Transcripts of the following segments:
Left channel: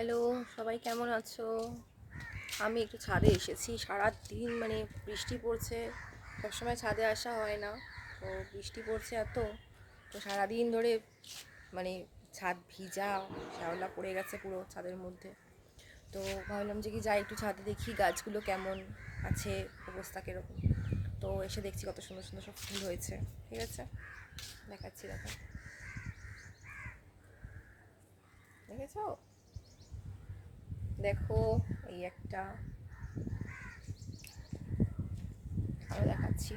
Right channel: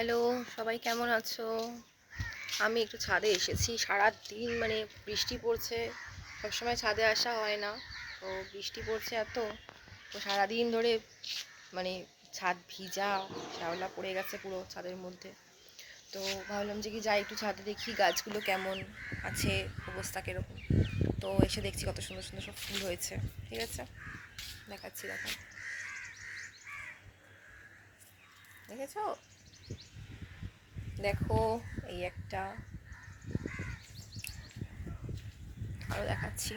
Hello, সবাই কেমন আছো? আমি একটু ছাদে এসেছি। সারাদিন মানে বৃষ্টি পড়ছে, সবসময় ছাদে আসা হয় না, তো বৃষ্টি পড়ছে এত, তো সারাদিন ধরে মানে ছাদ ভিজা, শ্যাওলা পড়ে গেছে পুরো ছাদের মধ্যে। তো ভাবলাম যে কি যাই একটু ছাদে দেখি গাছগুলো কেমন আছে, অবস্থা কীরকম। তো এসে দেখছি কত সুন্দর সুন্দর সব ফুল হয়েছে। ঠিক আছে, দেখাচ্ছি, দেখেছো? দেখো, এই একটা, আরও দেখাচ্ছি।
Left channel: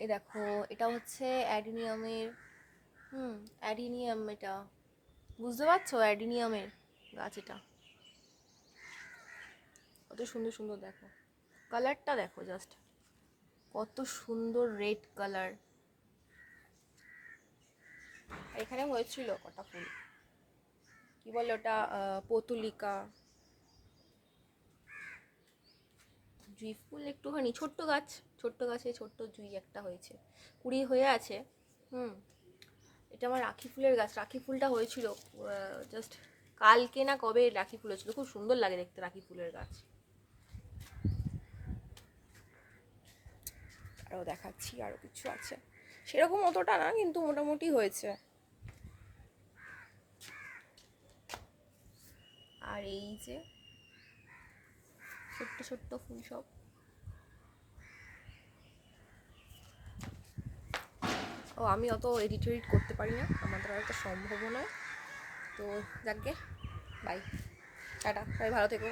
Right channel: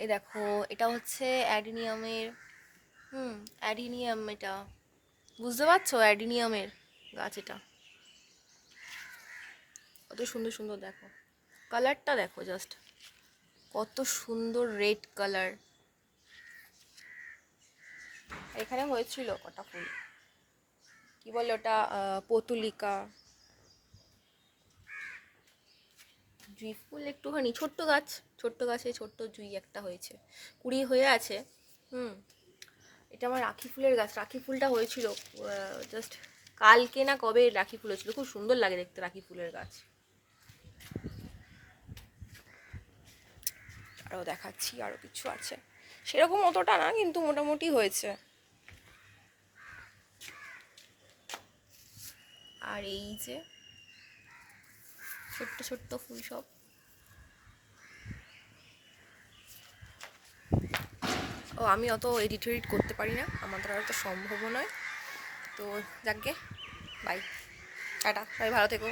এই দেখো, এটা হচ্ছে অ্যাডিনিয়ামের, অ্যাডিনিয়াম, এটা বুঝতে পারছো? অ্যাডিনিয়ামের গাছ এটা। কত সুন্দর সুন্দর, দেখো কালারটা, দেখো জাস্ট কত সুন্দর রেড কালার। এখানে হয়েছিল কটা ফুল, কি বলে ওটা, পতুলিকা, জুঁই ফুল একটুখানি, ছোট্ট গাছ, ছোট্ট গাছে ছোট্ট জুঁই একটা হয়েছে, কুড়ি হয়ে আছে। হুম এটা আমার রাখি ফুলের গাছ, রাখি ফুলটা হয়েছিল জাস্ট কালকে না কবে রাখি ফুল হয়েছিল, খুব সুন্দর লাগে দেখতে রাখি ফুলের গাছ। আরও দেখাচ্ছি, আরও কিছু আছে, সেরকম অতটা না কিন্তু মোটামুটি হয়েছে। আর এই যে ছোট্ট ছোট্ট ফুল সব। ও আমি অত এডিট করতে পারি না, আমার দ্বারা অত সম্ভবও নয়। তো যাকগে, বাই, টাটা, সবাই ভালো থেকো।